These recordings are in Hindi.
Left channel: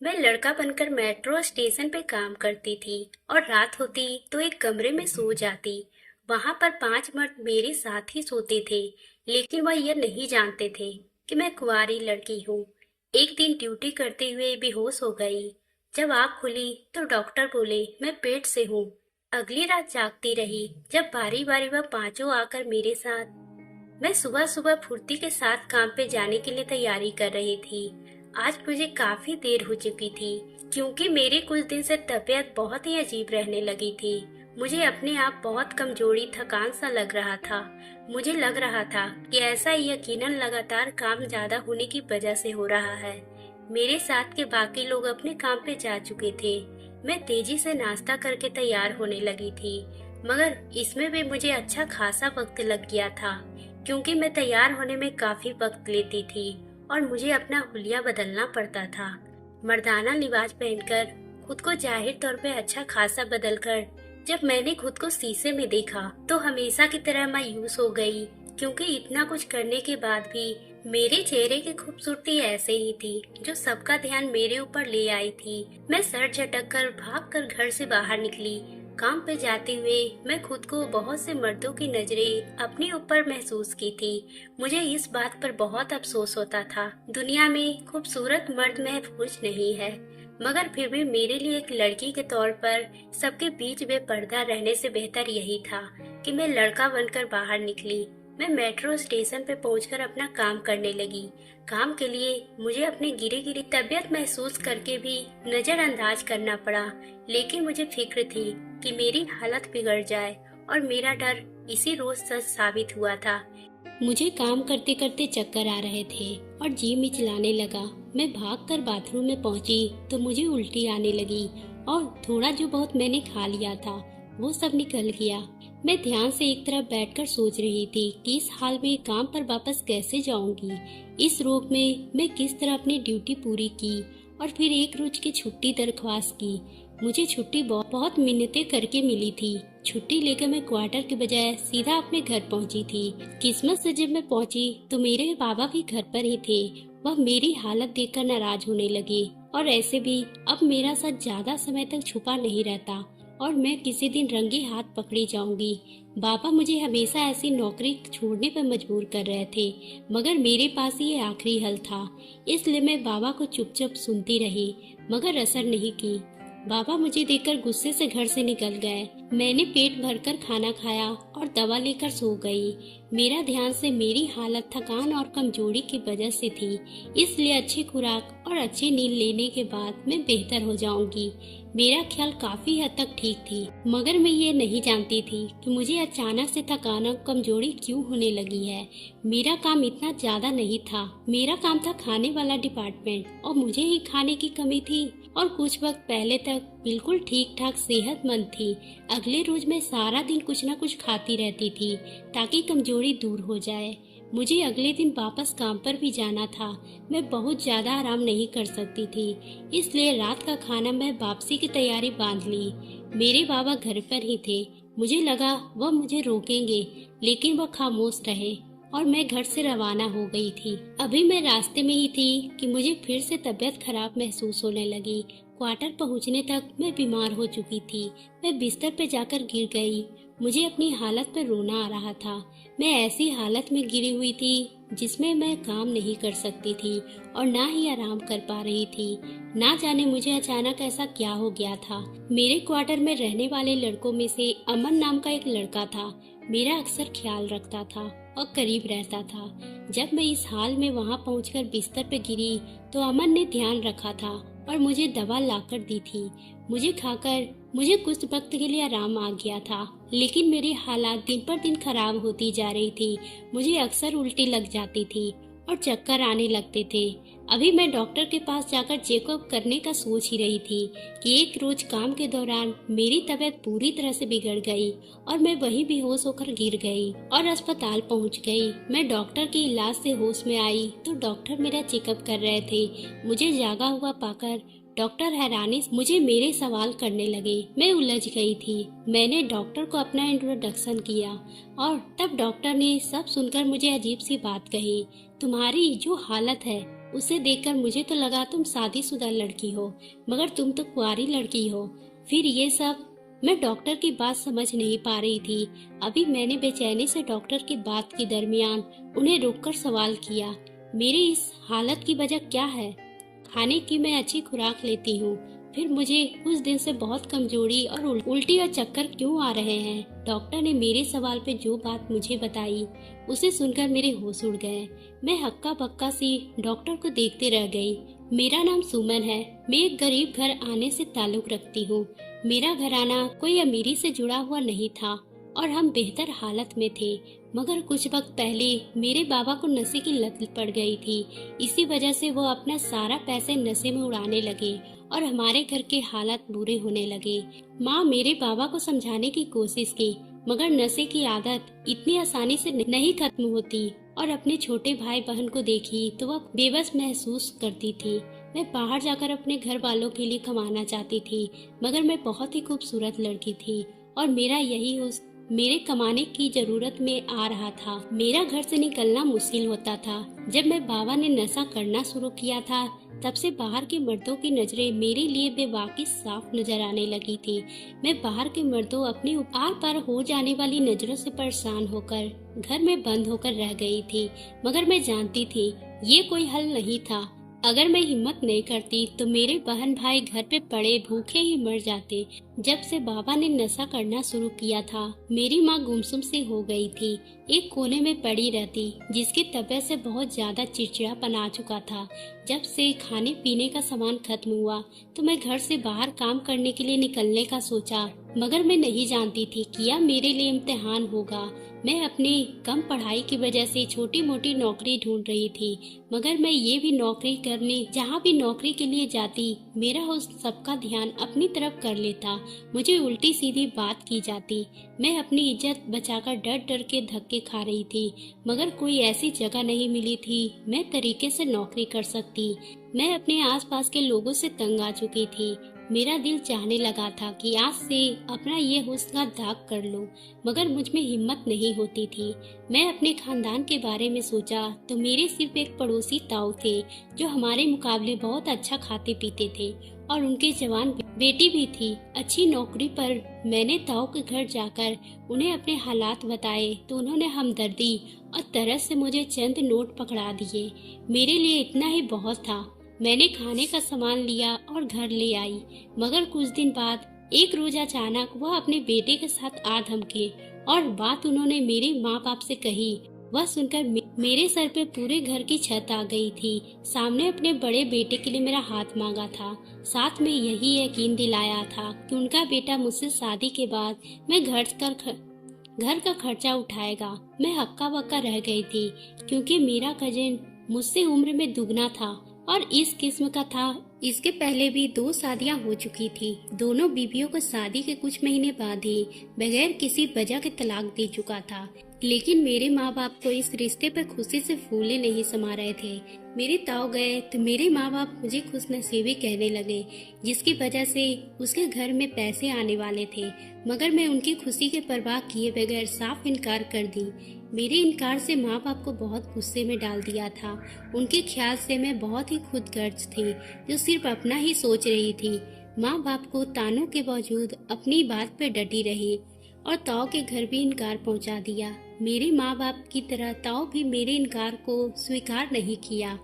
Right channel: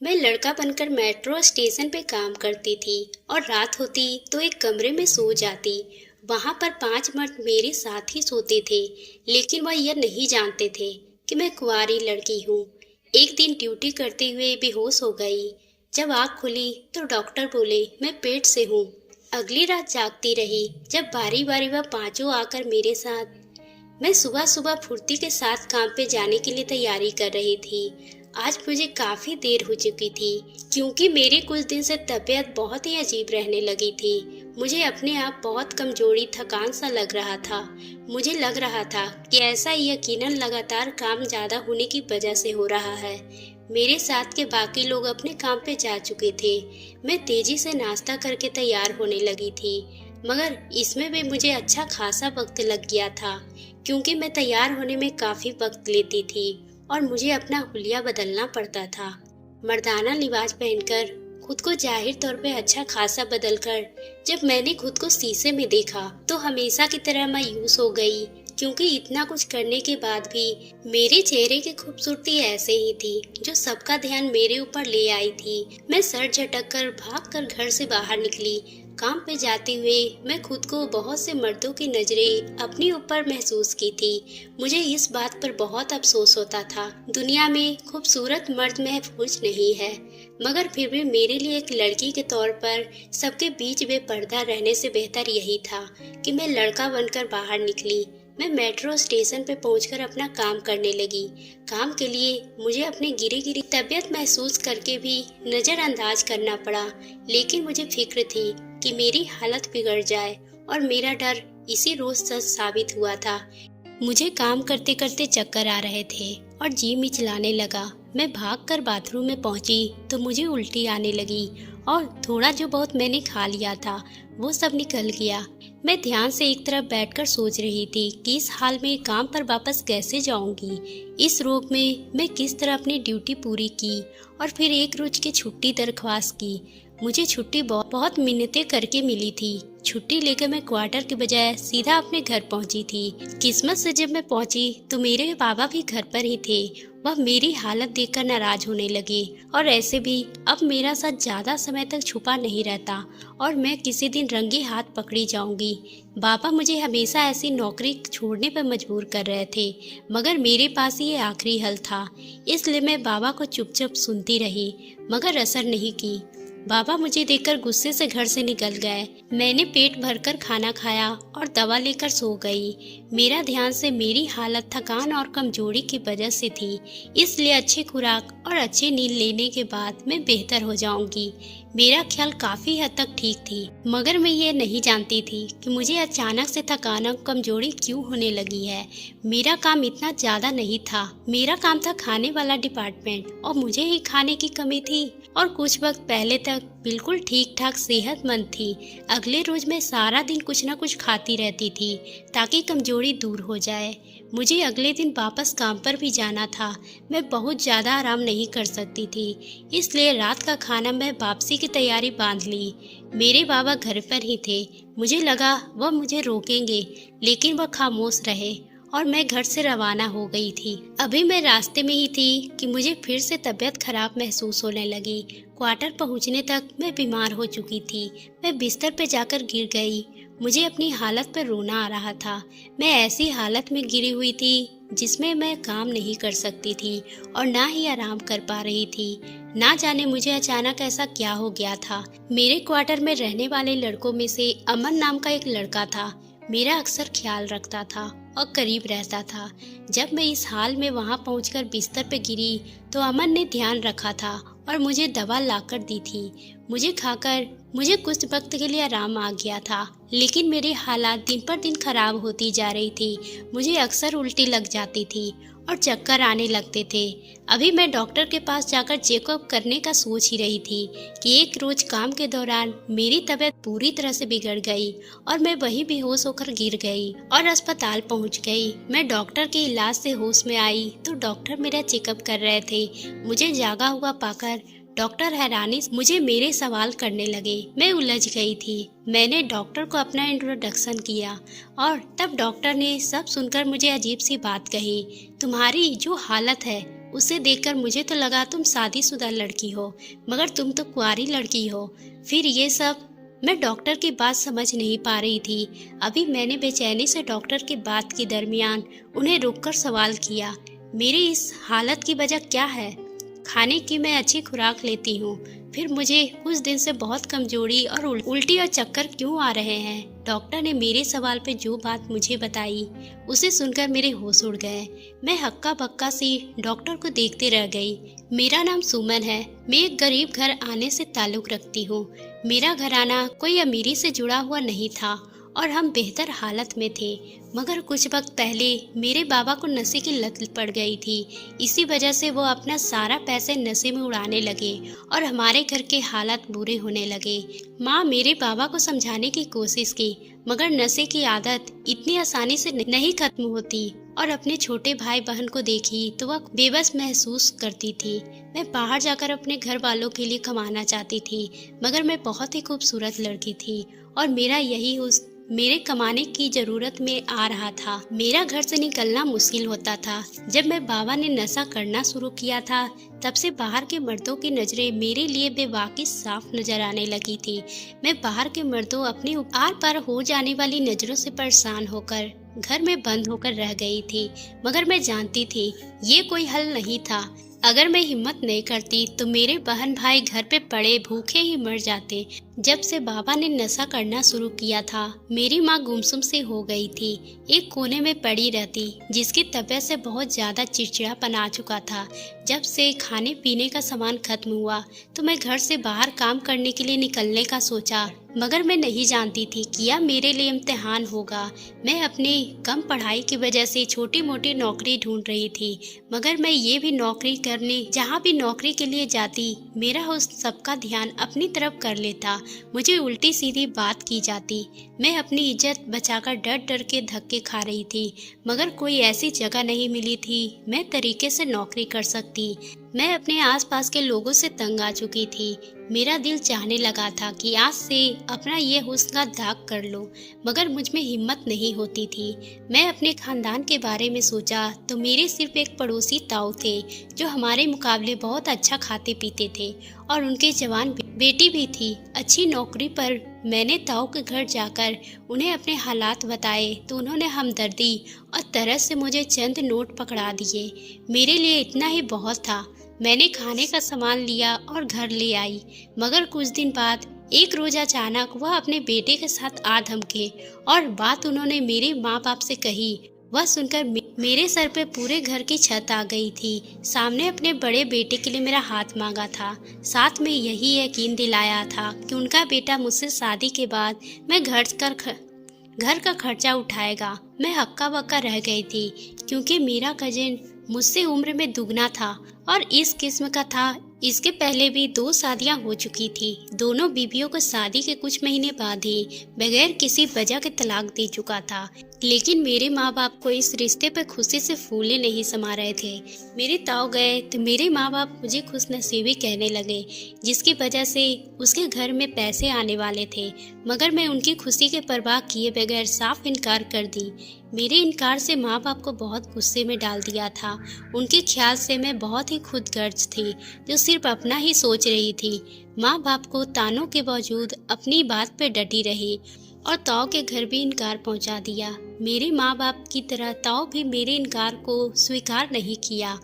मैं लड़का बनकर मेट्रो स्टेशन पे काम करती थी और रात होती तो एक कमरे में सो जाती। वहां पर 5 मर्द मेरे साथ ही सोते थे, लेकिन वह यह नहीं जानते थे कि मैं कुंवारी लड़की हूँ। एक दिन ड्यूटी करते हुए बेहोश हो गई। जब आँख खुली तो डॉक्टर बोले मैं पेट से हूँ। अगली रात जागती रही, जब बारी बारी वह पांचों आकर मेरे साथ। मैं सुबह सुबह फुर्ती के साथ काम पे जाने के लिए तैयारी कर रही थी। आज मुझे काफी देर हो चुकी थी, क्योंकि मेरी कुछ दिन से तबीयत बहुत ही अजीब रहने लगी थी। मुझे अपने आप बहुत कमजोरी थकान सा लग रहा था। मुझे लग रहा था कि ऐसा यकीनन लगातार काम ज्यादा होने की वजह से हो रहा है। मेरे साथ के बाकी लोग अपने काम पे जा चुके थे। मैं तेजी से नाश्ता करके तैयार होने लगी थी, मगर इसमें भी मुझे अच्छा खासा वक्त लग गया था, क्योंकि मैं तैयार होने में काफी वक्त लेती थी और मुझे अपना हुलिया बदलना पड़ता था। मर्दाना लिबास पहनकर, खुद को जाहिर तौर पे अच्छा खासा बदलकर, जब मैंने खुद को शीशे में देखा तो हमेशा की तरह मायूस हो गई, क्योंकि इतना कुछ करने के बाद भी मेरे चेहरे की खूबसूरती ऐसे ही थी, जो सबका ध्यान मेरे ऊपर ले आई थी। मैं सर झटक कर भाग कर घर से बाहर निकली। काम पे जाते हुए मैं खुद को बहुत से मर्दों की नजरें अपने ऊपर महसूस की थी। मुझे इस बात पर बहुत अफसोस होता था। दुनिया में खूबसूरत मर्द महफूज नहीं है, मगर फिर भी मेरे लिए एक लड़की के तौर पर सबके बीच बेपर्दा रहने से बेहतर यही था कि मैं लड़का बनकर बाहर निकली। मैं मेट्रो स्टेशन पे पहुंचकर अपना काम करने लगी। काम के लिए मुझे अपनी गिरी गिरी तबीयत महसूस करके भी नजरअंदाज करना पड़ा, लेकिन मुझे फिक्र थी कि मेरी हालत बिगड़ जाए, और मेरा डर इसी रोज सच साबित हुआ था। मुझे काम करते करते चक्कर आ रहे थे और जी मिचलाने लगा। मैं भागकर बाथरूम में पहुंची तो मुझे उल्टी आने लगी, और थोड़ा जो बहुत मैंने खा लिया था वो सब निकल गया। मैं ध्यान से एक तरफ बैठकर सोच रही थी कि इस हाल में काम पर वापस कैसे जाऊंगी। इस रोग में मैं किस तरह अपनी ड्यूटी पूरी की और फिर एक रोज की छुट्टी दरख्वास्त की। मुझे छुट्टी बहुत मिन्नतें करके मिली थी। छुट्टी लेकर मैं क्वार्टर के बजाय सीधा अपने घर पहुंची थी। किस्मत से जब मैं पहुंची तो मेरे बाबा भी घर पर ही थे। वह मेरी हालत देखकर नाराज होने लगे, और ऐसे भी अब मेरा साथ ज्यादा समय तक छुपा नहीं रहता और मैं किसी दिन रंगे हाथ पकड़ी जाऊंगी। बाबा मुझे हमेशा ऐसी नौकरी छोड़ने पर मजबूर कर रहे थे, मगर मेरे पास ये आखिरी हल था। इसलिए मैं बाबा को चुपचाप सुनती रही, मगर असर नहीं की। बाबा मुझे देखकर गुस्से से घर से निकल गए। मैंने पेट भरकर खाना खाया और दवा लेकर सो गई। मेरा ध्यान से मेरी हालत थकान और कमजोरी की वजह से थी, इसलिए अच्छी खुराक और अच्छी नींद लेने के बाद मैं बेहतर हो जाऊंगी। मेरा ख्याल काफी हद तक ठीक थी, मगर मैं ये नहीं जानती थी कि मुझे अचानक से थकान और कमजोरी क्यों होने लगी है। मेरा काम इतना ज्यादा नहीं था। मेरा काम था खाने वाला डिपार्टमेंट, और मुझे ही खाने की कमी थी। और कुछ वक्त पहले तक बिल्कुल ठीक ठाक सेहतमंद थी। अगले रोज मैं सारा दिन कुछ न कुछ खाती रहती थी ताकि कमजोरी दूर हो जाए। मुझे अगले दिन वापस काम पर भी जाना था। मैं बहुत ज़्यादा आराम नहीं कर सकती थी, इसलिए रात का खाना मैं वापसी की तैयारी बांध ली। मेरे बाबा घर पर ही थे। मुझे लगा वह मुझे रोकेंगे, लेकिन वह खामोश रहे और मैं घर से रवाना हो गई थी। अभी मैं रास्ते में ही थी कि मुझे फिर से तबीयत खराब महसूस होने लगी। क्वार्टर पहुंचने तक मैं बीमार हो चुकी थी। मैं बिस्तर पर जाकर गिर गई। मुझे अपनी हालत पर रोना आ रहा था। मैं ऐसी हालत में गिरी हुई थी जिसमें मैं काम नहीं कर सकती थी और ना ही आराम कर पा रही थी। ना जाने मुझे अचानक ऐसा क्या हो गया था। मेरे क्वार्टर में रहने वाले लड़कों में से अमन नाम का एक लड़का था। मेरा अक्सर ख्याल रखता था और करीब रहता था। जब मैं इस हाल में वहां पहुंचकर बिस्तर पे गिरी तो अमन ने ध्यान रखा था और मुझे दवा लाकर दी थी। मुझे खाकर मुझे कुछ वक्त के लिए आराम आ गया था, लेकिन मेरी हालात दिन पर दिन खराब होती जा रही थी। मुझे अक्सर उल्टी लग जाती थी और चक्कर आने लगते थे। अभी मैं डॉक्टर के पास जाकर चेकअप करने का सोच ही रही थी कि एक रोज काम के दौरान मेरी तबीयत पूरी तरह से बिगड़ गई और मैं वहीं बेहोश होकर गिर गई और अस्पताल पहुंच गई। मैं डॉक्टर के इलाज से होश में आई तो डॉक्टर मेरा चेकअप कर रहे थे। मुझे जागा हुआ पाकर डॉक्टर हैरानी से मुझे मेरे सवाल करने लगे। मैं उलझ गई थी। मैंने डॉक्टर को अपना इंट्रोडक्शन किया और तब डॉक्टर ने सब सुनकर मुझे अजीब सी बात कही। तुम्हारी जो हालत है उसे देखकर मुझे तो लगा तुम शादीशुदा लड़की हो, मगर तुम तो कुंवारी लड़की हो। फिर ये सब। मैं डॉक्टर की बात समझ नहीं पा रही थी। अभी मैंने बेचैनी से डॉक्टर की बात के दरमियान उन्हें रोककर सवाल किया, मेरी इस हालत की वजह क्या है? खाने की मैं अच्छी खुराक लेती हूँ, फिर मुझे कुछ दिन से बहुत कमजोरी और उल्टी और चक्कर क्यों आ रहे हैं? डॉक्टर ने मेरे सवाल पे जो बात मुझे बताई उसे सुनकर मेरे होश उड़ गए। मैं हक्का बक्का सी डॉक्टर को देखते रह गई। मेरा नाम सुमन है। मैं एक गरीब घर आने से ताल्लुक रखती हूँ। मेरा घराना कोई अमीरी से जुड़ा हुआ नहीं था और हम बेहतर हालत में थे, मगर कुछ वक्त पहले मेरे बाबा को नशे की लत पड़ गई थी। इसी वजह से वो अपना सारा पैसे नशे में उड़ाने लगे और हमारे घर के हालात बुरे होने लगे। माँ मेरे बाबा को समझाने की कोशिश की, मगर नशे की आदत इतनी आसानी से नहीं खत्म होती और अपने छोटे भाई बहन को देखी तो वह बेबस महसूस करती थी। मैं बाहर जाकर अपने घर वालों के लिए कमाना चाहती थी, मगर मैं बहुत ही खूबसूरत लड़की थी और मेरा यही उस मेरे कमाने की जरूरत में आ रहा था। मेरा घर से निकलना मुश्किल होता था। जब मैं बाबा ने नशा करना शुरू किया था, तब से बाहर के मर्दों की नजरें मेरे लिए बेवाकिफ साफ नजर आने लगी थी। मैं बाहर के मर्दों अपने आर पार हो जाने वाली नजरों से परेशान होकर घर में बंद होकर रह गई थी, मगर मैं जानती थी ये कोई हल नहीं था। अगर मैं हिम्मत नहीं करती तो मेरे बहन भाई घर पे पड़े भूखे ही मर जाते। जब से बाबा ने नशा करना शुरू किया था, मेरी माँ गुमसुम से हो गई थी। एक कोने में पड़ी रहती, जिसकी तबीयत से बहुत ज्यादा चिड़चिड़ापन आ चुका था। जब से खाने पीने का सामान खत्म हुआ तो मैं घर से बाहर काम करने के लिए निकलने का सोचा, मगर मैं नहीं जानती थी कि यह मेरे लिए इम्तिहान होगा। मैं अपनी कम पढ़ाई की वजह से छोटी मोटी नौकरी ढूंढ रही थी, मगर मैं ये भी नौकरी करने जहाँ भी नौकरी के लिए जाती, मेरा उस सबका ध्यान अपनी तरफ कर लेता। मुझे उल्टी सीधी बात की जाती। मैं अपनी इज्जत बचाकर डर डर के धक्के खा रही थी, मगर कोई ऐसी जगह नहीं मिली थी मैं तरीके से नौकरी कर सकती। मैं अपने आसपास के लोगों से तंग आ चुकी थी। मेरा दिल चाहने लगा था कि आज से अपना ये हुस्न का दाग कर लो, मगर मुझ में हिम्मत नहीं होती थी। मैं अपने खानदान के बारे में सोचा तो मेरे सिर्फ एक पड़ोसी ताऊ थे, जो हमारे मुकाबले बहुत अच्छा खाते पीते थे और उनके जवान बेटी भी थी अच्छी नौकरी पर। मैंने ताऊ के घर जाकर उन्हें अपने हालात बताए तो उन्होंने हमदर्दी और तरस से मुझे चंद नोट पकड़ा दिए। मेरे लिए इतना ही बहुत था। मैंने खाने का सामान लिया और घर ले आई, मगर कुछ दिन बाद एक रोज अचानक वह अपने बेटे के साथ आ धमके और बात उन्होंने मेरे माँ बाप से कही। वह सुनकर मेरे सर पे पूरे घर की छत आ गई थी। सामने अपने बड़े बेटे के लिए मेरा हाथ मांगा था, साथ में यही यकीन दिलाया था कि उनका बेटा मुझसे शादी के बाद मैं घर का खर्चा उठाएगा। मैं हक्का बक्का रह गई थी, क्योंकि मेरा कजिन मुझसे उम्र में दुगना था और इस किस्म का था। इसके पहले भी 2 शादियां हो चुकी थी। दोनों बीवियों को शादी के कुछ महीने बाद ही बगैर किसी वजह के तलाक दे चुका था, लेकिन मेरे माँ बाप को इस रिश्ते पर खुशी से फूले नहीं समा रहे थे। मेरे ताऊ गए तो मेरे माँ बाप मुझे खुशनसीबी कहने लगे, जिसकी वजह से उसके घर में पैसे आने वाले थे, मगर मैं उनकी खुशी के परवाह किए बगैर साफ इनकार कर दी। मेरे इनकार से माँ बाप को बहुत गुस्से में डाल दिया था। उनके ख्याल से मैं बहुत ही खुदगर्ज थी, जो सिर्फ अपना ही सोच रही थी। माँ बाप को तानों के बावजूद अपनी बात पे डटी रही और ताऊ के घर भी इनकार पहुंचा दिया। मेरे माँ बाप की तरह ताऊ भी मेरे इनकार को स्वीकार नहीं किया,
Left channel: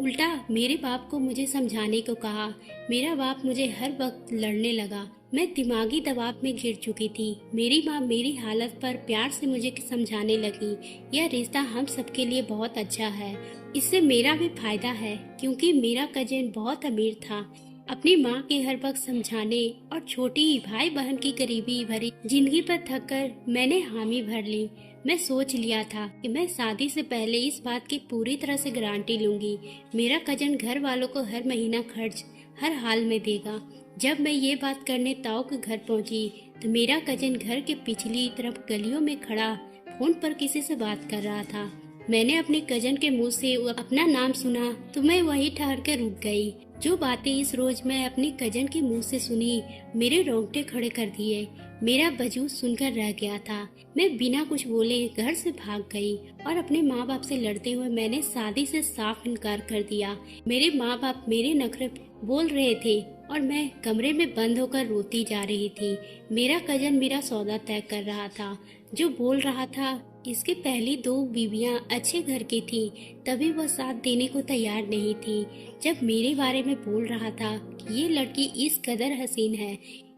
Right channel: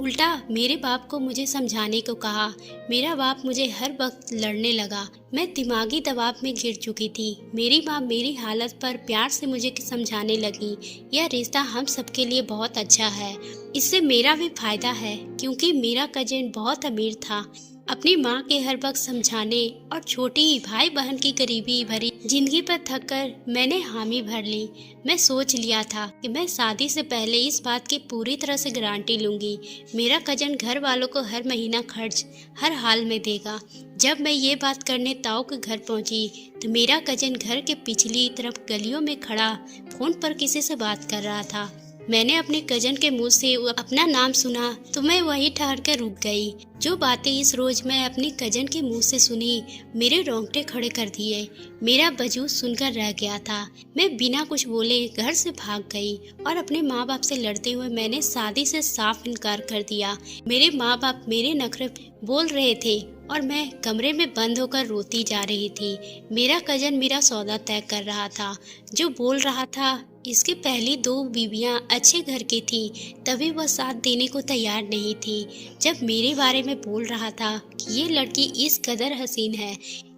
उल्टा मेरे बाप को मुझे समझाने को कहा। मेरा बाप मुझे हर वक्त लड़ने लगा। मैं दिमागी दबाव में गिर चुकी थी। मेरी माँ मेरी हालत पर प्यार से मुझे समझाने लगी, यह रिश्ता हम सबके लिए बहुत अच्छा है, इससे मेरा भी फायदा है, क्योंकि मेरा कजिन बहुत अमीर था। अपनी माँ के हर वक्त समझाने और छोटी भाई बहन की गरीबी भरी जिंदगी पर थक कर मैंने हामी भर ली। मैं सोच लिया था कि मैं शादी से पहले इस बात की पूरी तरह से गारंटी लूंगी, मेरा कजन घर वालों को हर महीना खर्च हर हाल में देगा। जब मैं ये बात करने ताऊ के घर पहुंची तो मेरा कजन घर के पिछली तरफ गलियों में खड़ा फोन पर किसी से बात कर रहा था। मैंने अपने कजन के मुंह से अपना नाम सुना तो मैं वहीं ठहर कर रुक गई। जो बातें इस रोज मैं अपने कजन के मुंह से सुनी मेरे रोंगटे खड़े कर दिए। मेरा वजूद सुनकर रह गया था। मैं बिना कुछ बोले घर से भाग गई और अपने माँ बाप से लड़ते हुए मैंने शादी से साफ इनकार कर दिया। मेरे माँ बाप मेरे नखरे बोल रहे थे और मैं कमरे में बंद होकर रोती जा रही थी। मेरा कजन मेरा सौदा तय कर रहा था। जो बोल रहा था इसकी पहली 2 बीवियां अच्छे घर की थी, तभी वह साथ देने को तैयार नहीं थी। जब मेरे बारे में बोल रहा था कि ये लड़की इस कदर हसीन है,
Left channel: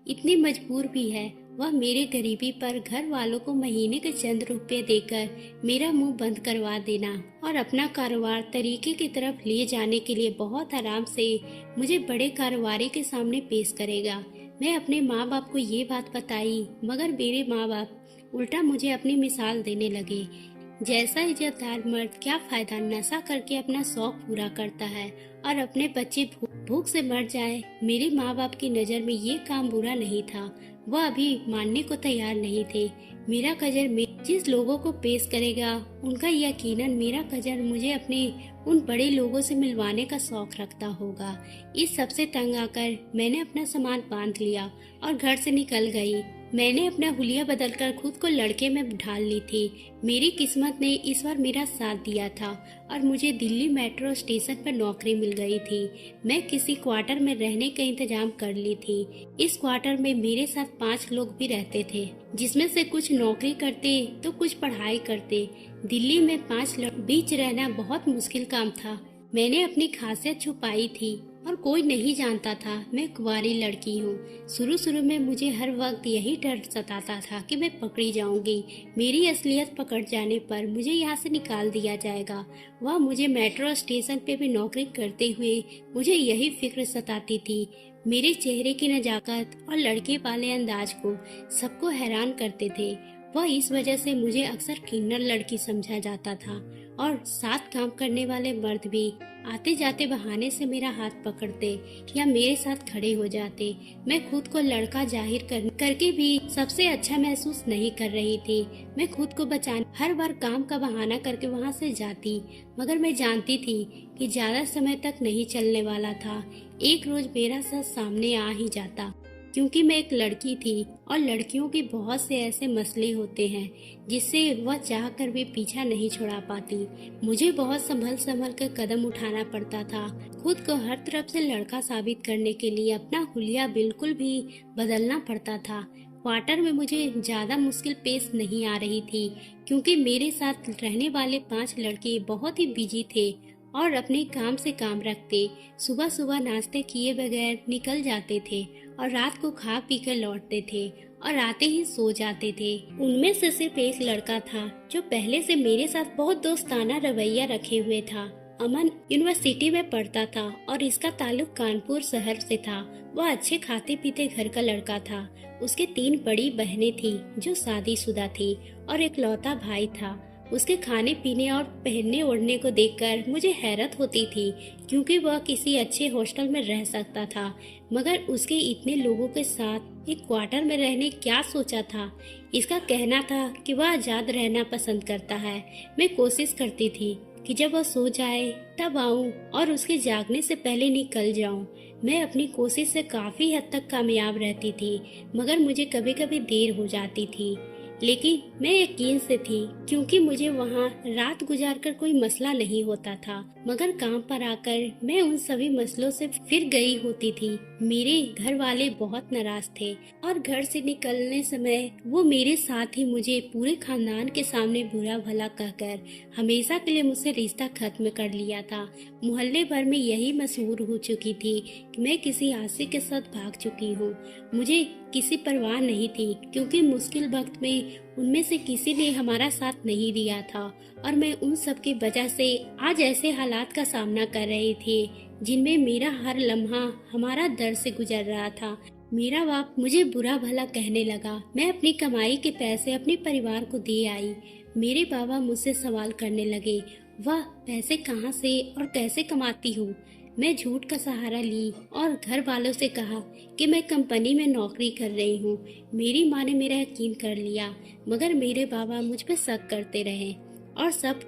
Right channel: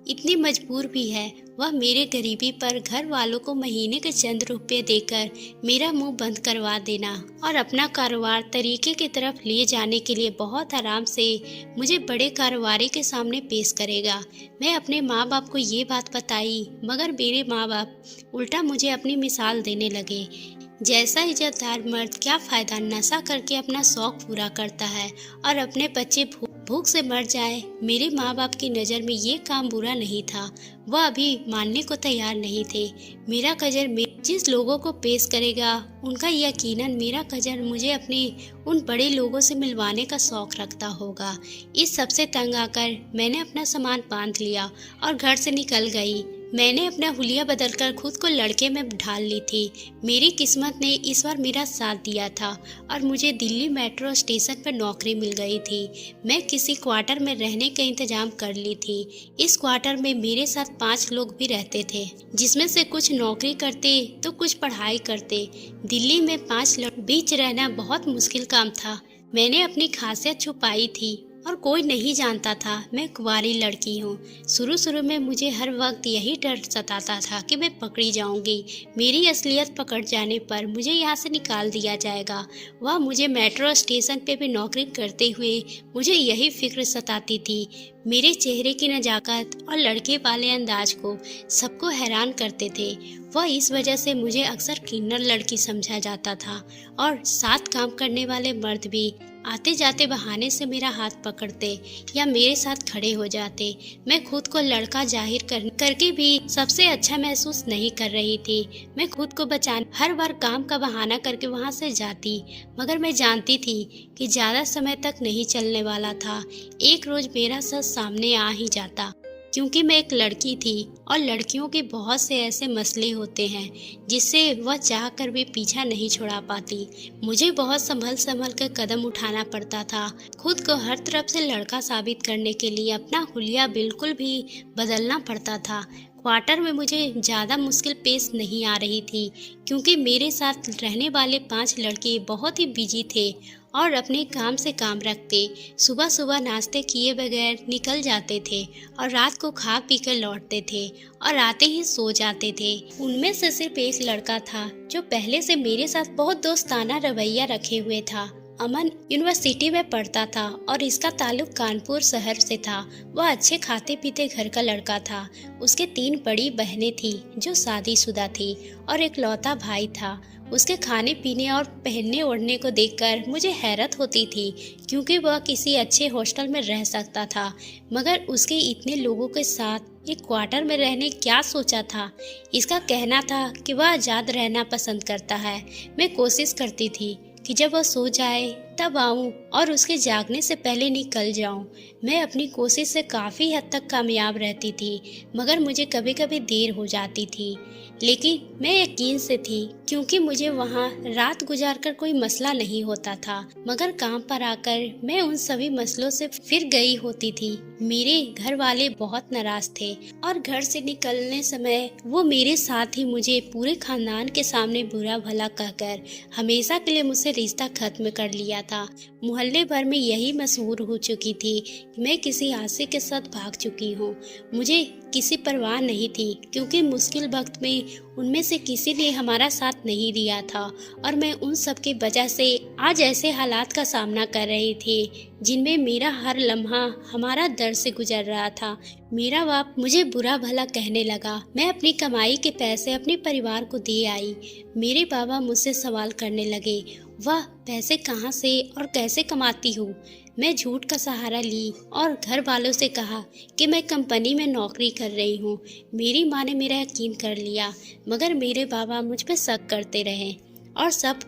इतनी मजबूर भी है, वह मेरे गरीबी पर घर वालों को महीने के चंद रुपए देकर मेरा मुंह बंद करवा देना और अपना कारोबार तरीके की तरफ ले जाने के लिए बहुत आराम से मुझे बड़े कारोबारी के सामने पेश करेगा। मैं अपने माँ बाप को ये बात बताई, मगर मेरे माँ बाप उल्टा मुझे अपनी मिसाल देने लगे। जैसा इज्जतदार मर्द क्या फायदा नशा करके अपना शौक पूरा करता है और अपने बच्चे भूख से मर जाए। मेरे माँ बाप की नज़र में ये काम बुरा नहीं था। वह अभी मानने को तैयार नहीं थे। मेरा कजन जिस लोगों को पेश करेगा उनका यकीनन मेरा कजन मुझे अपने उन बड़े लोगों से मिलवाने का शौक रखता होगा। इस सबसे तंग आकर मैंने अपना सामान बांध लिया और घर से निकल गई। मैंने अपना हुलिया बदलकर खुद को लड़के में ढाल ली थी। मेरी किस्मत ने इस बार मेरा साथ दिया था और मुझे दिल्ली मेट्रो स्टेशन पर नौकरी मिल गई थी। मैं किसी क्वार्टर में रहने का इंतजाम कर ली थी। इस क्वार्टर में मेरे साथ 5 लोग भी रहते थे, जिसमें से कुछ नौकरी करते तो कुछ पढ़ाई करते। दिल्ली में 5 लोग बीच रहना बहुत मुश्किल काम था। मैंने अपनी खासियत छुपाई थी और कोई नहीं जानता था मैं कुंवारी लड़की हूँ। शुरू में मुझे हर वक्त यही डर सताता था कि मैं पकड़ी जाऊंगी। मेरी असलियत पकड़ जाने पर मुझे यहाँ से निकाल दिया जाएगा। वह मुझे मेट्रो स्टेशन पे भी नौकरी करते हुए मुझे यही फिक्र सताती थी। मेरे चेहरे की नजाकत और लड़के वाले अंदाज को सबको हैरान करते थे। वह इस वजह से मुझे अक्सर किन्नर लड़की समझा जाता था और साथ काम करने वाले मर्द भी आते जाते बहाने से मेरा हाथ पकड़ते या मेरे साथ खड़े हो जाते। मैं खुद को लड़का जाहिर करके भी सबसे अच्छा महसूस नहीं कर रही थी। मैं खुद को बचाने हर बार काम का बहाना करके वहां से जाती, मगर मैं जानती थी कि ज्यादा समय तक नहीं चलने वाला था। एक रोज मेरा सच सामने आ ही जाता, क्योंकि मैं एक लड़की थी और लड़कियों के बहुत से ऐसे मसले होते हैं जिससे वह चाह कर भी पीछा नहीं छुड़ा पाती। मुझे बहुत संभल कर कदम उठाना पड़ता था। खुद को हर तरफ से लड़का साबित करने के लिए अपना हुलिया बिल्कुल भी बदलना पड़ता था। क्वार्टर में मुझे ज़्यादा मुश्किल पेश नहीं आ रही थी, क्योंकि मेरे साथ रहने वाले 5 लड़के बहुत ही बिजी थे और अपने काम से काम रखते। सुबह नाश्ते किए बगैर निकल जाते थे और रात को खा पी कर लौटते थे और आते ही सो जाते थे। उनमें से सिर्फ एक लड़का था जो पहले से मेरे साथ बहुत दोस्ताना रवैया रखे हुए था। अमन यूनिवर्सिटी में पढ़ता था और इसका ताल्लुक कानपुर शहर से था। वह अच्छे खाते पीते घर का लड़का था। उसके 3 बड़ी बहनें थी जो शादीशुदा थी और एक लौता भाई था। उसके खाने पीने और पहनने ओढ़ने को देखकर मुझे हैरत होती थी, क्योंकि वह किसी अच्छे हॉस्टल में रह सकता था, मगर उसके इतने लोगों के साथ एक क्वार्टर में रहने क्या सोचा था। इसका कहना था कि वह आज़ाद रहना पसंद करता है। मैं कोशिश करती थी कि जब वह सो जाए तब आऊं और उसके जागने से पहले निकल जाऊं। मैं अपनी कोशिश से काफ़ी हद तक कामयाब रहती थी, मगर मुझे कभी कभी देर हो जाती थी। लेकिन मैं यकीन से थी, क्योंकि मुझे वहाँ रात गुजारकर कोई मसला नहीं होता था, मगर काम पर आकर मैं उन सभी मसलों से फिर गई होती थी। मेरे घर वाले बहुत नाराज थे और घर से निकलने समय वो मेरे साथ ही मुझे पूरे खानदान के सामने बुरा भला कहकर हमेशा के लिए मुझसे रिश्ता खत्म कर लिया था। मोहल्ले भर में यही मशहूर हो चुकी थी कि मैं किसी आशिक के साथ भाग चुकी हूँ। मुझे किसी परवाह नहीं थी, क्योंकि मुश्किल वक्त में उनमें से किसी ने हमारा साथ नहीं दिया था और मैं उन सब की वजह से आज ऐसे हालात का सामना कर रही थी जिनमें मेरा हर लम्हा हमारा दर्द से गुजर रहा था। मेरा बाप मुझे बुरा भला कहने लगा। मैं अपनी कमाई के पैसे अपने परिवार को दे आई। मेरे बाबा मुझसे सवाल करने लगे, वह पैसे कहाँ से और कैसे कमाती हूँ। मैं झूठ का सहारा ली और घर वालों से कहा कि मैं कंपनी में नौकरी कर रही हूँ। मेरी माँ ने मेरा यकीन कर लिया, मगर मेरे बाबा मुझ पर शक करते रहे। और सब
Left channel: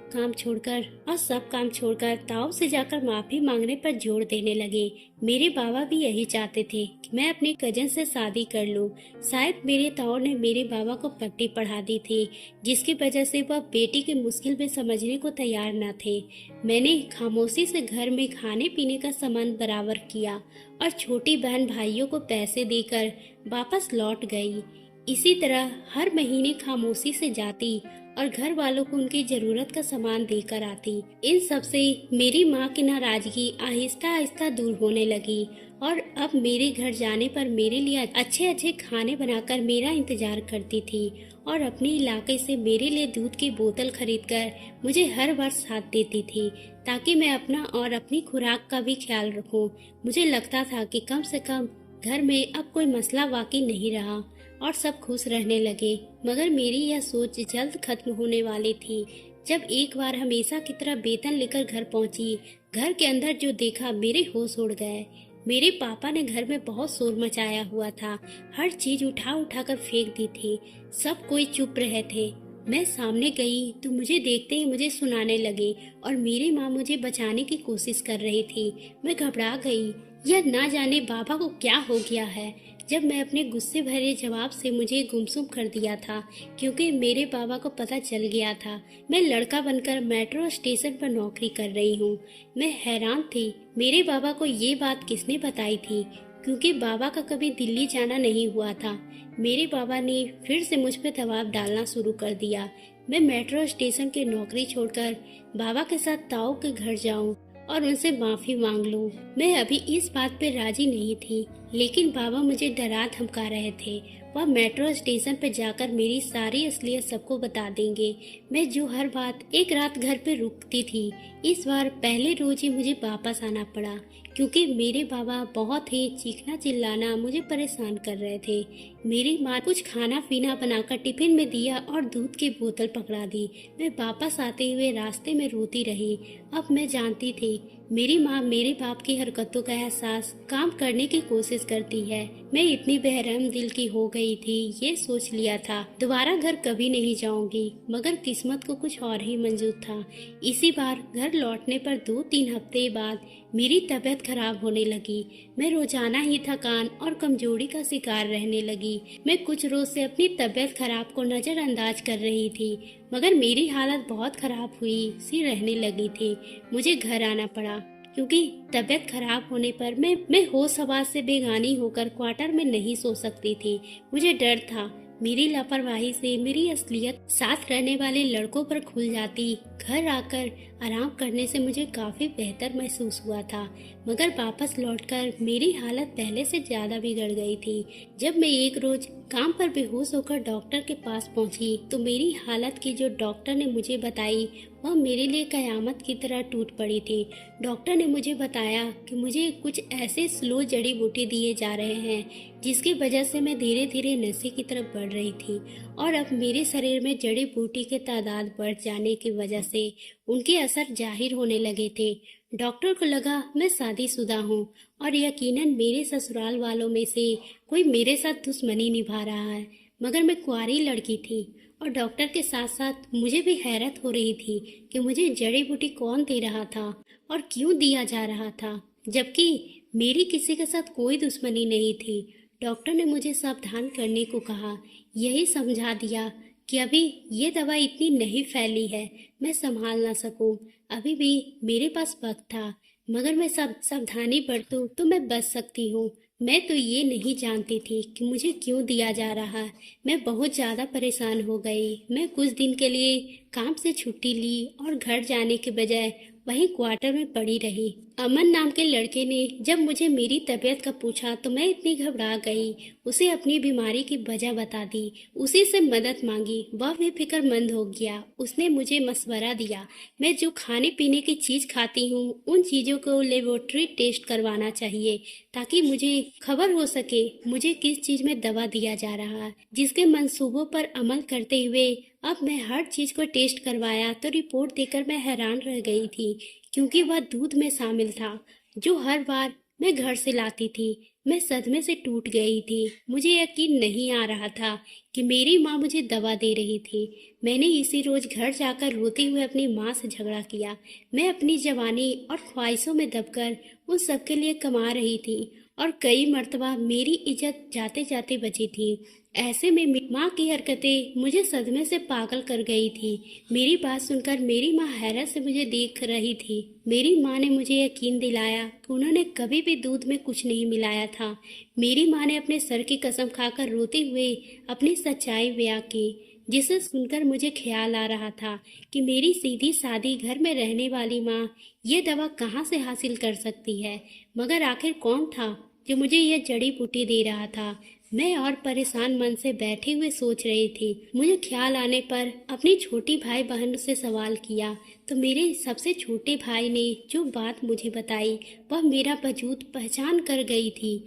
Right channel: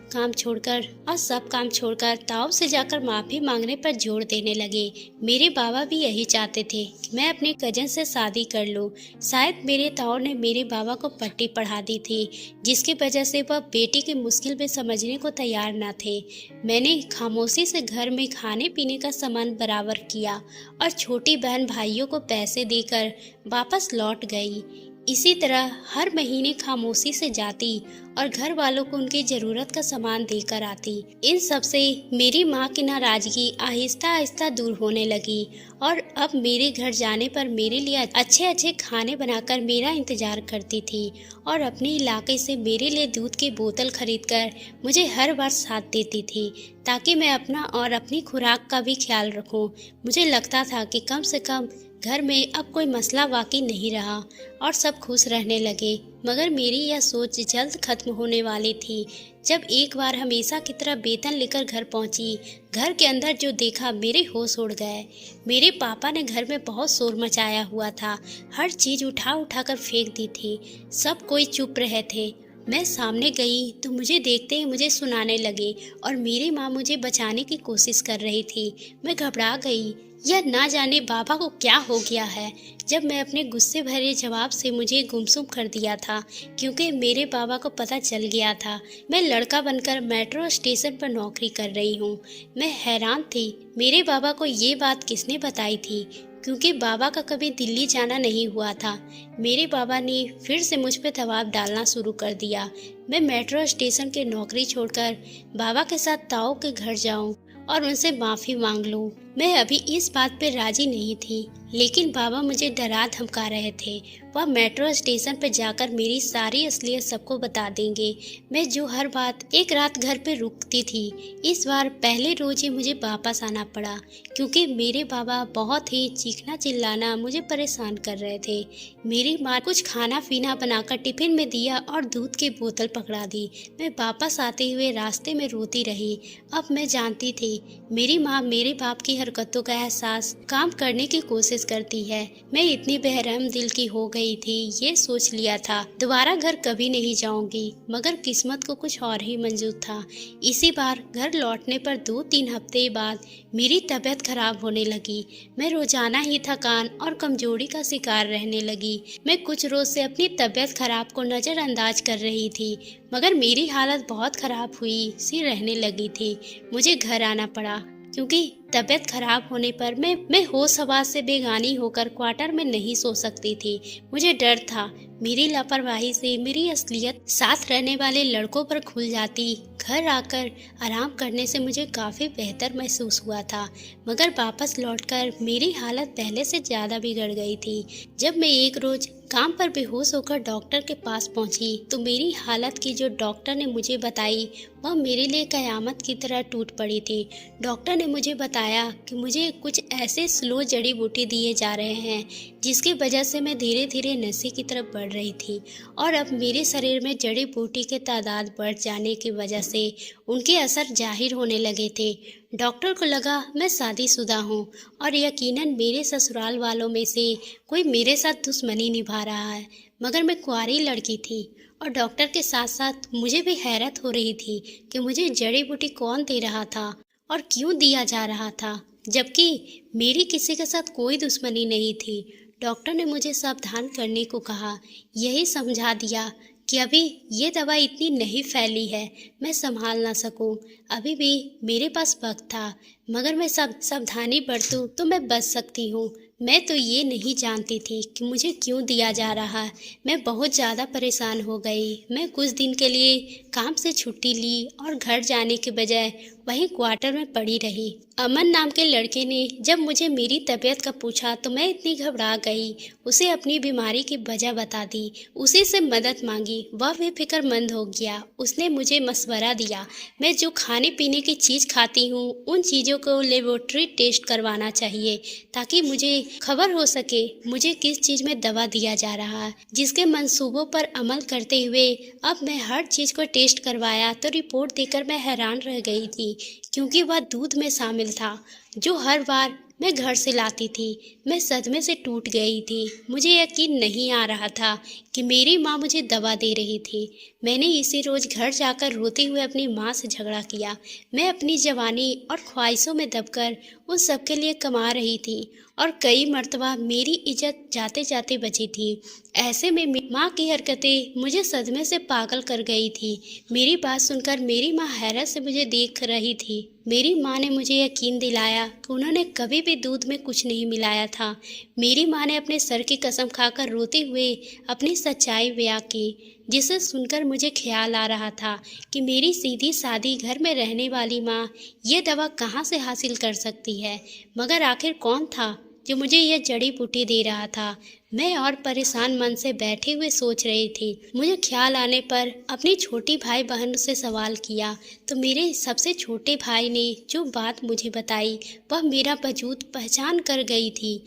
काम छोड़कर ताऊ से जाकर माफ़ी मांगने पर जोर देने लगे। मेरे बाबा भी यही चाहते थे कि मैं अपने कजन से शादी कर लूं। शायद मेरे ताऊ ने मेरे बाबा को पट्टी पढ़ा दी थी, जिसकी वजह से वह बेटी की मुश्किल भी समझने को तैयार न थे। मैंने खामोशी से घर में खाने पीने का सामान बराबर किया और छोटी बहन भाइयों को पैसे देकर वापस लौट गई। इसी तरह हर महीने खामोशी से जाती और घर वालों को उनकी ज़रूरत का सामान देकर आती। इन सब से मेरी माँ की नाराज़गी आहिस्ता आहिस्ता दूर होने लगी और अब मेरे घर जाने पर मेरे लिए अच्छे अच्छे खाने बनाकर मेरा इंतज़ार करती थी और अपने इलाके से मेरे लिए दूध की बोतल खरीदकर मुझे हर बार साथ देती थी, ताकि मैं अपना और अपनी खुराक का भी ख्याल रखूं। मुझे लगता था कि कम से कम घर में अब कोई मसला बाकी नहीं रहा और सब खुश रहने लगे। मगर मेरी यह सोच जल्द खत्म होने वाली थी जब एक बार हमेशा की तरह वेतन लेकर घर पहुंची। घर के अंदर जो देखा मेरे होश उड़ गए। मेरे पापा ने घर में बहुत शोर मचाया हुआ था, हर चीज़ उठा उठा कर फेंक दी थी। सब कोई चुप रहे थे। मैं सामने गई तो मुझे देखते ही मुझे सुनाने लगे और मेरी माँ मुझे बचाने की कोशिश कर रही थी। मैं घबरा गई। यह ना जाने बाबा को क्या हो गया है। जब मैं अपने गुस्से भरे जवाब से मुझे गुमसुम कर दिया था, क्योंकि मेरे बाबा को पता चल गया था मैं लड़का बनकर मेट्रो स्टेशन पर नौकरी कर रही हूँ। मैं हैरान थी मेरे बाबा को ये बात किसने बताई थी, क्योंकि बाबा का कभी दिल्ली जाना नहीं हुआ था। मेरे बाबा ने फिर से मुझ पर दबाव डालना शुरू कर दिया। मैं मेट्रो स्टेशन की नौकरी छोड़कर बाबा के साथ ताऊ के घर जाऊं और उनसे माफ़ी मांग लूं। मैं अभी इस बात पे राजी नहीं थी, लेकिन बाबा मुझे डरा धमका रहे थे। वह मेट्रो स्टेशन पर जाकर मेरी सारी असलियत सबको बता देंगे। मैं जो हर बात एक रात घर पे रुकती थी, इस बार पहले रोज ही मुझे वापस आना पड़ा, क्योंकि मेरे बाबा बहुत ही चीखना चिल्लाना मुझे परेशान कर रहे थे। मेरी माँ कुछ खाना पीना बनाकर टिफिन में दिया और दूध की बोतल पकड़ा दी। मैं वापस आते हुए रास्ते में रोती रही। अब मैं जानती थी मेरी माँ मेरे बाप की हरकतों का एहसास काम करने की कोशिश करती है। मैं इतनी बेरहम दिल की हो गई थी, ये सोच लिया था दोबारा घर कभी नहीं जाऊंगी। मगर किस्मत को कुछ और ही मंजूर था। इसी बार घर लौटने पर 2-3 हफ्ते बाद मेरी तबीयत खराब होने लगी। मैं रोजाना ही थकान और कमजोरी का शिकार रहने लगी। मैं कुछ रोज से अपनी तबीयत खराब को नजरअंदाज कर रही थी, मगर मेरी हालत बहुत खराब हुई सी रहने लगी थी। मुझे घर आना पड़ा, क्योंकि तबीयत खराब होने पर मैं होश हवास से बेगानी होकर क्वार्टर में नहीं सो सकती थी। मुझे डर था मेरी लापरवाही से मेरी असलियत साथ रहने वाले लड़कों पर खुल जाती। घर आकर आराम करने से मुझे काफ़ी बेहतर महसूस हुआ था, मगर वापस लौटकर मेरी हालत पहले से ज़्यादा बिगड़ गई थी। जब मैं एक रोज़ काम पर बेहोश होकर डॉक्टर के पास पहुंची, तो मेरी हालत की जो डॉक्टर ने मुझे बताई वह मेरे लिए कयामत की तरह टूट पड़ी थी। डॉक्टर ने मुझे बताया कि मुझे कुछ ऐसे स्लो जड़ी बूटी दिए जा रहे हैं जिसकी वजह से मैं धीरे धीरे नशे की तरफ बढ़ रही थी, और अब मेरे शरीर में जड़ी बूटी के तादाद बढ़ जाने की वजह से उनके असर जाहिर होने लगे थे। डॉक्टर को लगा मैं शादीशुदा हूँ और यकीनन मेरे ससुराल वालों में से कोई मेरे साथ दुश्मनी निभा रहा है, मगर मैं कुंवारी लड़की थी और डॉक्टर के साथ साथ मुझे भी हैरत हो रही थी कि मुझे जड़ी बूटी कौन दे रहा था और क्यों दिया जा रहा था, जबकि मेरी किसी के साथ कोई दुश्मनी नहीं थी। डॉक्टर ने मुझे सावधान करने को कहा, यही समझा दिया कि अभी ये दवा इतनी नहीं फैली है मैं संभाल ना सकूं। अभी भी मेरे पास वक्त था, मगर मैं सावधानी बरतूं तो मैं बच सकती हूँ। मैं तो ये नहीं जानती थी कि मुझे क्यों दिया जा रहा है। मैं बहुत ज़्यादा परेशान हो गई। मैं कुछ दिन के लिए काम से छुट्टी ली और घर जाने के बजाय वहीं क्वार्टर में पड़ी रही। अमन नाम के लड़के ने जब मुझे मेरी तबीयत का पूछा तो मैं इतनी घबरा गई। उसे अपनी बीमारी की वजह बता दी, उसी से मदद मांगी। वह बेफिक्रमंद हो गया। उसने मुझे मशवरा दिया मैं जो खाने पीने की चीज़ खाती हूँ उन चीज़ों को लेबोरेटरी टेस्ट करवाना चाहिए, ताकि मुझे खबर हो सके मुझे किस चीज़ में दवा दिया जा रहा है। जिसके मंसूबों पर अमल करते हुए अब मैं हर चीज़ को टेस्ट करवाया तो रिपोर्ट देखकर मैं हैरान रह गई थी, क्योंकि वह दूध में शामिल था, जो हर बार मैं घर से लाती थी, मैं सदमे से टूट गई थी। मुझे यकीन नहीं आ रहा था कि मेरी माँ मुझे दवा दे रही थी। मैंने इसी रोज़ घर जाकर रोते हुए अपनी माँ से झगड़ा किया। मैं अपनी जवानी और ख्वाहिशों में दबकर उन सबके लिए कमा रही थी और कई मर्तबा मेरी इज्जत जाते जाते बची थी। ऐसे में माँ की हरकतें मुझे सदमे से पागल कर गई थी। मेरी बात सुनकर मेरी माँ हैरत से मुझे देख रही थी। मेरी माँ ने मुझे यकीन दिलाया कि उन्होंने कभी भी दूध में कुछ नहीं मिलाया था। मेरी माँ ने अपने सर की कसम खाकर रोते हुए अपनी सच्चाई बयां की, जिसे सुनकर मुझे ख्याल आ रहा था कि मेरी सीधी सादी घर में रहने वाली माँ ये दवा कहाँ से हासिल कर सकती है। मगर आखिर कौन था जो मुझे यह जड़ी बूटी दे रहा था? मैं और परेशान मन से बैठे हुए सोच रही थी। मुझे ख्याल आने पर अपनी छोटी भाई बहन से सवाल किया तो मेरे सबसे छोटे भाई ने जो बात मुझे बताई वह मेरा वजूद पहचान कर गई थी।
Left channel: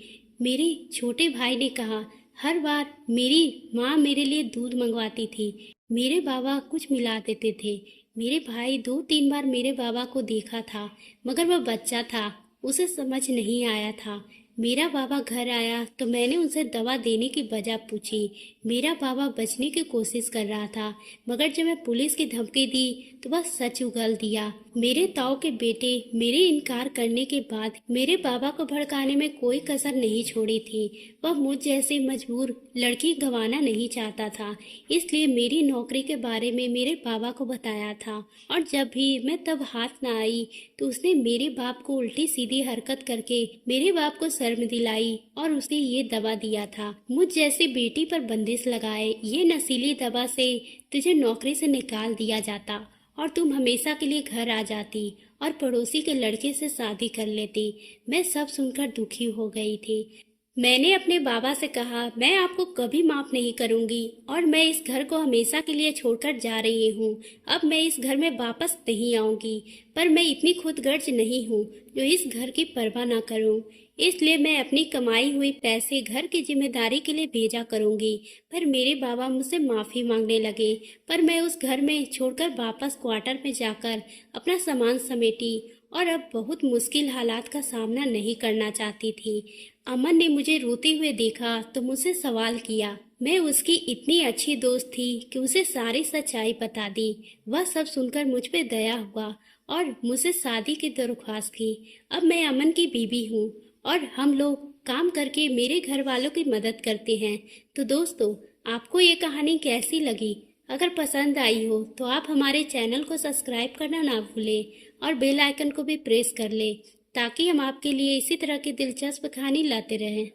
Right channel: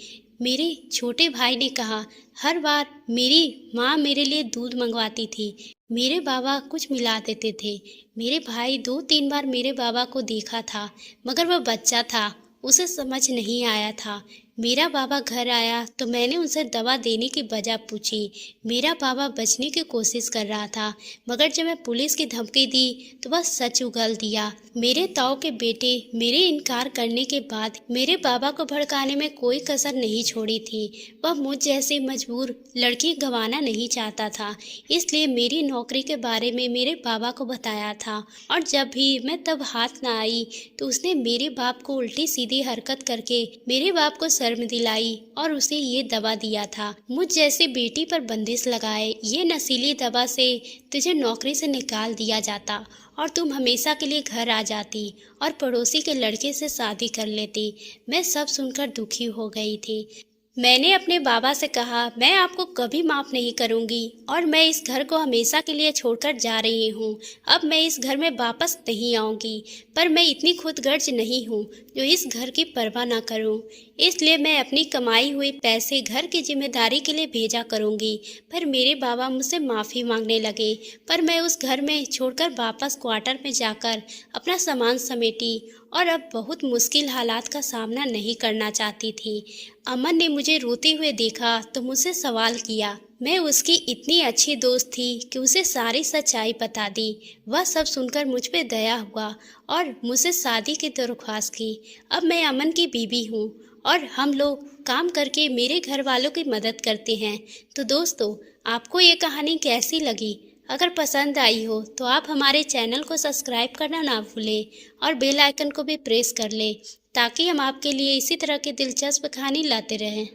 मेरे छोटे भाई ने कहा, हर बार मेरी माँ मेरे लिए दूध मंगवाती थी, मेरे बाबा कुछ मिला देते थे। मेरे भाई 2-3 बार मेरे बाबा को देखा था, मगर वह बच्चा था, उसे समझ नहीं आया था। मेरा बाबा घर आया तो मैंने उनसे दवा देने की वजह पूछी। मेरा बाबा बचने की कोशिश कर रहा था, मगर जब मैं पुलिस की धमकी दी तो वह सच उगल दिया। मेरे ताऊ के बेटे मेरे इनकार करने के बाद मेरे बाबा को भड़काने में कोई कसर नहीं छोड़ी थी। वह मुझ जैसी मजबूर लड़की गंवाना नहीं चाहता था, इसलिए मेरी नौकरी के बारे में मेरे बाबा को बताया था। और जब भी मैं तब हाथ न आई तो उसने मेरे बाप को उल्टी सीधी हरकत करके मेरे बाप को शर्म दिलाई और उसे ये दवा दिया था। मुझ जैसे बेटी पर बंदिश लगाए ये नशीली दवा से तुझे नौकरी से निकाल दिया जाता और तुम हमेशा के लिए घर आ जाती और पड़ोसी के लड़के से शादी कर लेती। मैं सब सुनकर दुखी हो गई थी। मैंने अपने बाबा से कहा, मैं आपको कभी माफ़ नहीं करूंगी और मैं इस घर को हमेशा के लिए छोड़कर जा रही हूँ। अब मैं इस घर में वापस नहीं आऊंगी, पर मैं इतनी खुदगर्ज नहीं हूँ जो इस घर की परवाह ना करूँ। इसलिए मैं अपनी कमाई हुई पैसे घर की जिम्मेदारी के लिए भेजा करूंगी। पर मेरे बाबा मुझसे माफ़ी मांगने लगे, पर मैं उस घर में छोड़कर वापस क्वार्टर में जाकर अपना सामान समेटी और अब बहुत मुश्किल हालात का सामना नहीं करना चाहती थी। अमन ने मुझे रोते हुए देखा तो मुझसे सवाल किया। मैं उसकी इतनी अच्छी दोस्त थी कि उसे सारी सच्चाई बता दी। वह सब सुनकर मुझ पे दया हुआ और मुझसे शादी की दरख्वास्त की। अब मैं अमन की बीवी हूँ और हम लोग काम करके मेरे घर वालों की मदद करते हैं। तो दोस्तों, आपको ये कहानी कैसी लगी? अगर पसंद आई हो तो आप हमारे चैनल को सब्सक्राइब करना ना भूलें और बेल आइकन को भी प्रेस कर लें ताकि हम आपके लिए इसी तरह की दिलचस्प कहानी लाते रहें।